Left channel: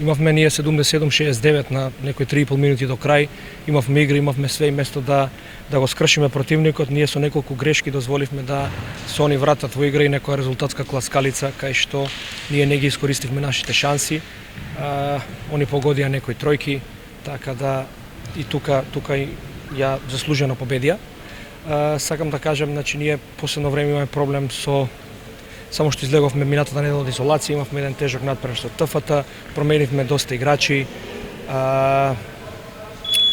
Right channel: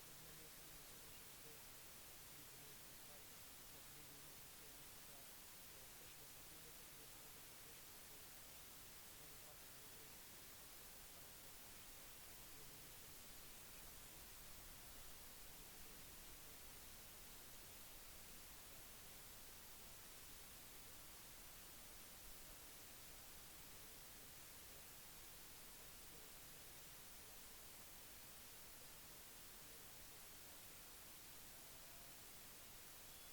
Имавме ние 77-69 на некои 3,5 минути до крај. Имавме игри, имавме све и место да го скршиме противникот. Ние со неколку грешки дозволивме да се они вратат во игра и некоја резултатска класкалица кај што ние не ги искористивме нашите шанси. Они погодија некои тројки, така да и тука ја заслужено победија. Сакам да кажам, значи ние последно време имаме проблем со само што излеговме минатата недела од изолација, имавме еден тежок натпревар со ТФ-та, променивме доста играчи.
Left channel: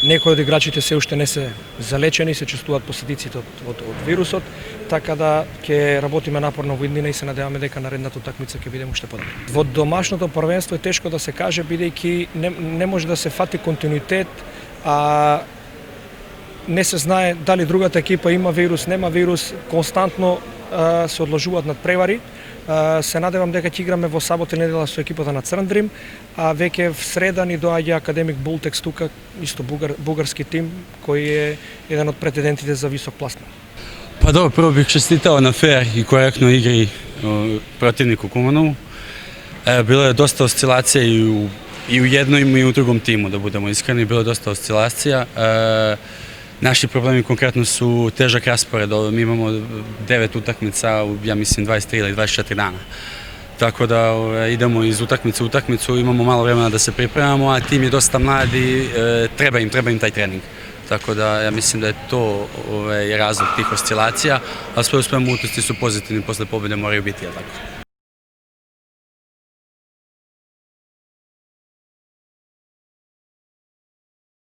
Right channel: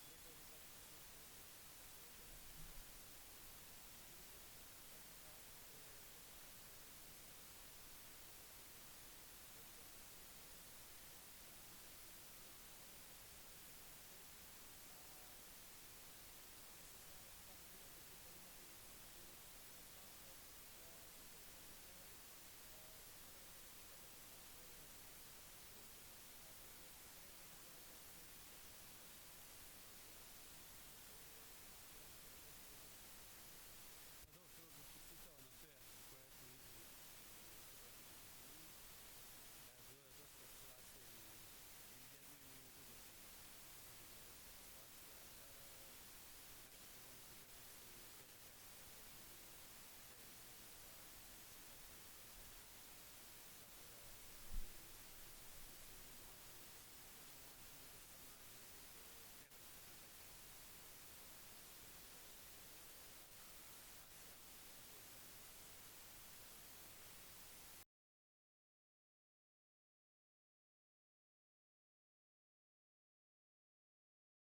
Некои од играчите се уште не се залечени, се чувствуваат последиците од вирусот, така да ќе работиме напорно во иднина и се надеваме дека наредната утакмица ќе бидеме уште подобри. Во домашното првенство е тешко да се каже, бидејќи не може да се фати континуитет, а не се знае дали другата екипа има вирус, нема вирус, константно се одложуваат надпревари. Се надевам дека ќе играме во сабота и недела со екипата на Црндрим, а веќе в среда ни доаѓа Академик Бултекс тука, исто бугарски тим кој е еден од претендентите за висок пласман. Pa dobro, prvo bih čestitao na fair i korektnoj igri protivniku Kumanovu. Bilo je dosta oscilacija i u jednom i u drugom timu, da budemo iskreni, bilo je dosta oscilacija. Naši problemi konkretno su težak raspored, mi imamo 9 utakmica u, ja mislim, 23 ili 24 dana. Tako da idemo iz utakmice u utakmicu, imamo malo vremena da se pripremamo, a tim je dosta mladi, treba im taj trening. Tako da ja mislim da je to razlog tih oscilacija, a sve u svemu utisci su pozitivni, posle pobjede moraju biti, tako.